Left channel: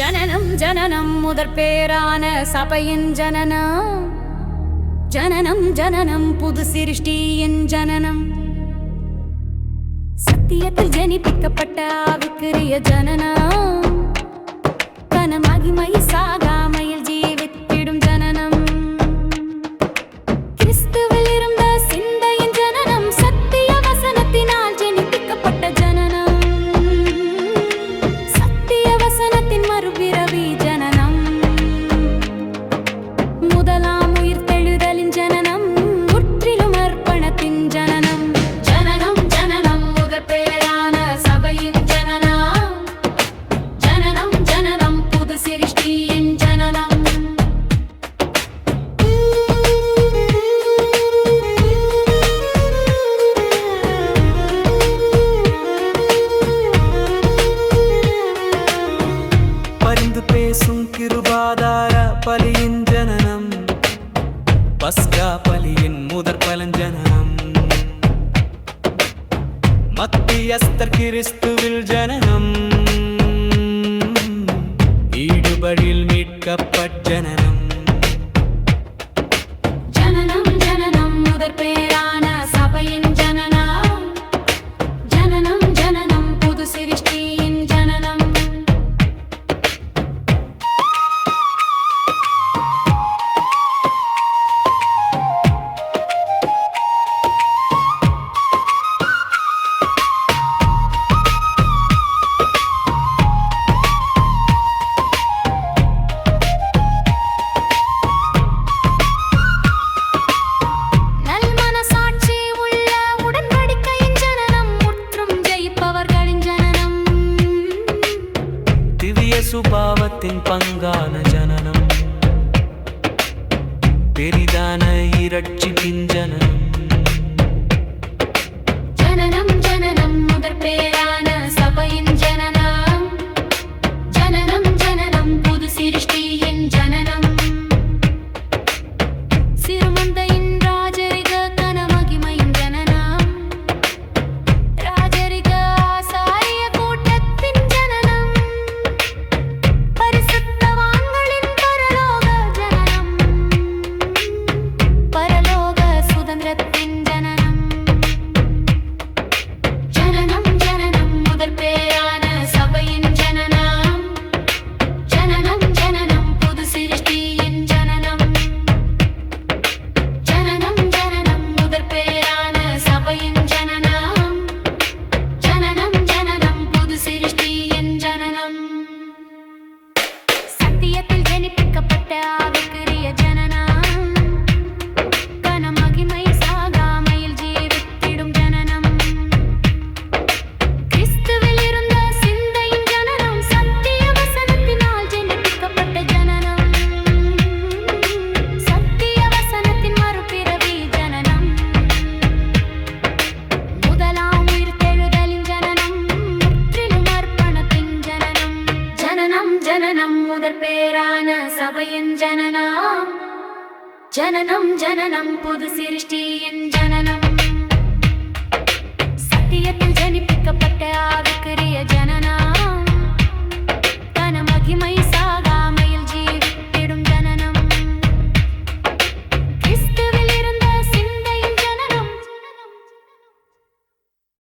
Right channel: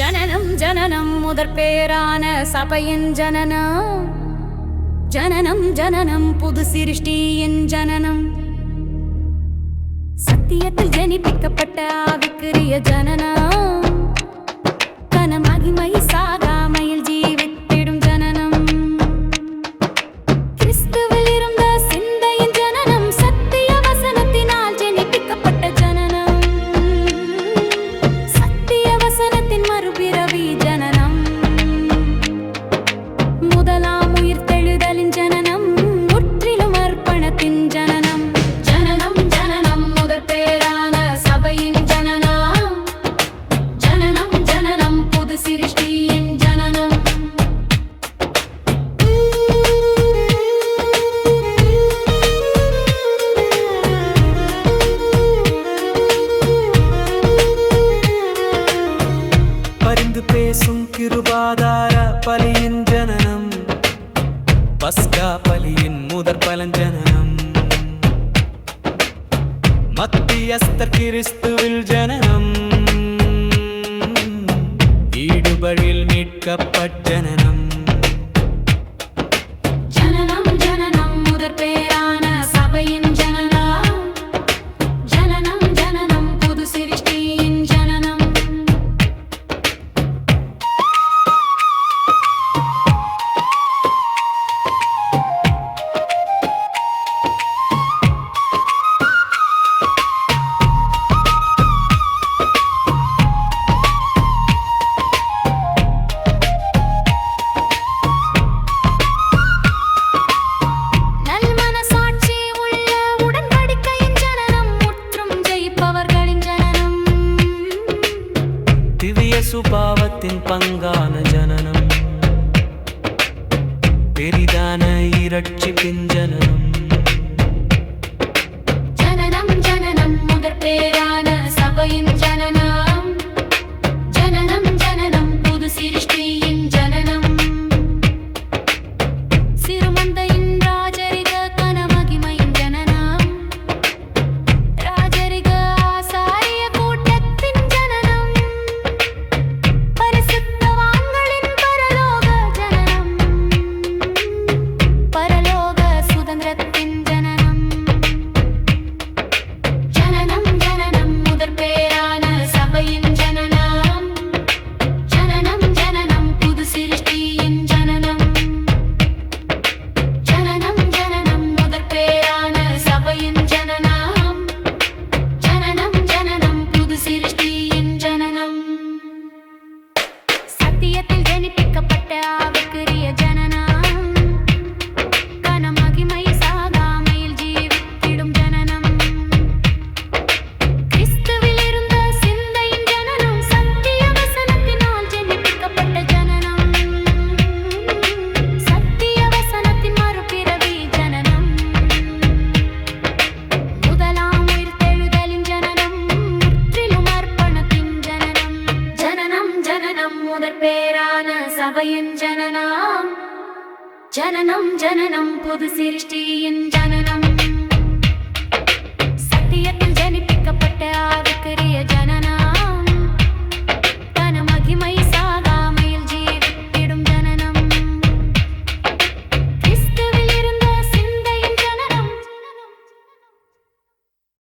ஜனனம் ஜனனம் முதற் பேரான சபையின் ஜனனம். ஜனனம் ஜனனம் புது சிருஷ்டியின் ஜனனம். சத்தியத்தில் ஜனிப்பிக்கப்பட்ட ஆவிக்குரிய ஜனனம். மறுபிறவி ஜனனம். முதலாம் பரிந்து பேசும் கிருபாதார பலியின் ஜனனம். பஸ்கா பலியின் முதற் பலஞ்சனனம் மத்தியஸ்தர் கிறிஸ்துவில் ஜனனம். ஈடுபழில் மீட்கப்பட் ஜனனம். ஜனனம் ஜனனம் முதற் பேர். திவ்ய சுபாவத்தின் பங்கான ஜனனம். பெரிதான இரட்சிப்பின் ஜனனம். ஜனனம் ஜனனம் முதற் பேரான சபையின் ஜனனம். ஜனனம் ஜனனம் புது சிருஷ்டியின் ஜனனம். சிறுமந்தையின் சுதந்திரத்தின் ஜனனம். ஜனனம் ஜனனம் முதற் பேரான சபையின் ஜனனம். ஜனனம் ஜனனம் புது சிருஷ்டியின் ஜனனம். ஜனனம் ஜனனம் முதற் பேரான சபையின் ஜனனம். ஜனனம் ஜனனம் புது சிருஷ்டியின் ஜனனம். சத்தியத்தில் ஜனிப்பிக்கப்பட்ட ஆவிக்குரிய ஜனனம். முதற் பேரான சபையின் ஜனனம். ஜனனம் ஜனனம் புது சிருஷ்டியின் ஜனனம். சத்தியத்தில் ஜனிப்பிக்கப்பட்ட ஆவிக்குரிய ஜனனம். கனமகிமை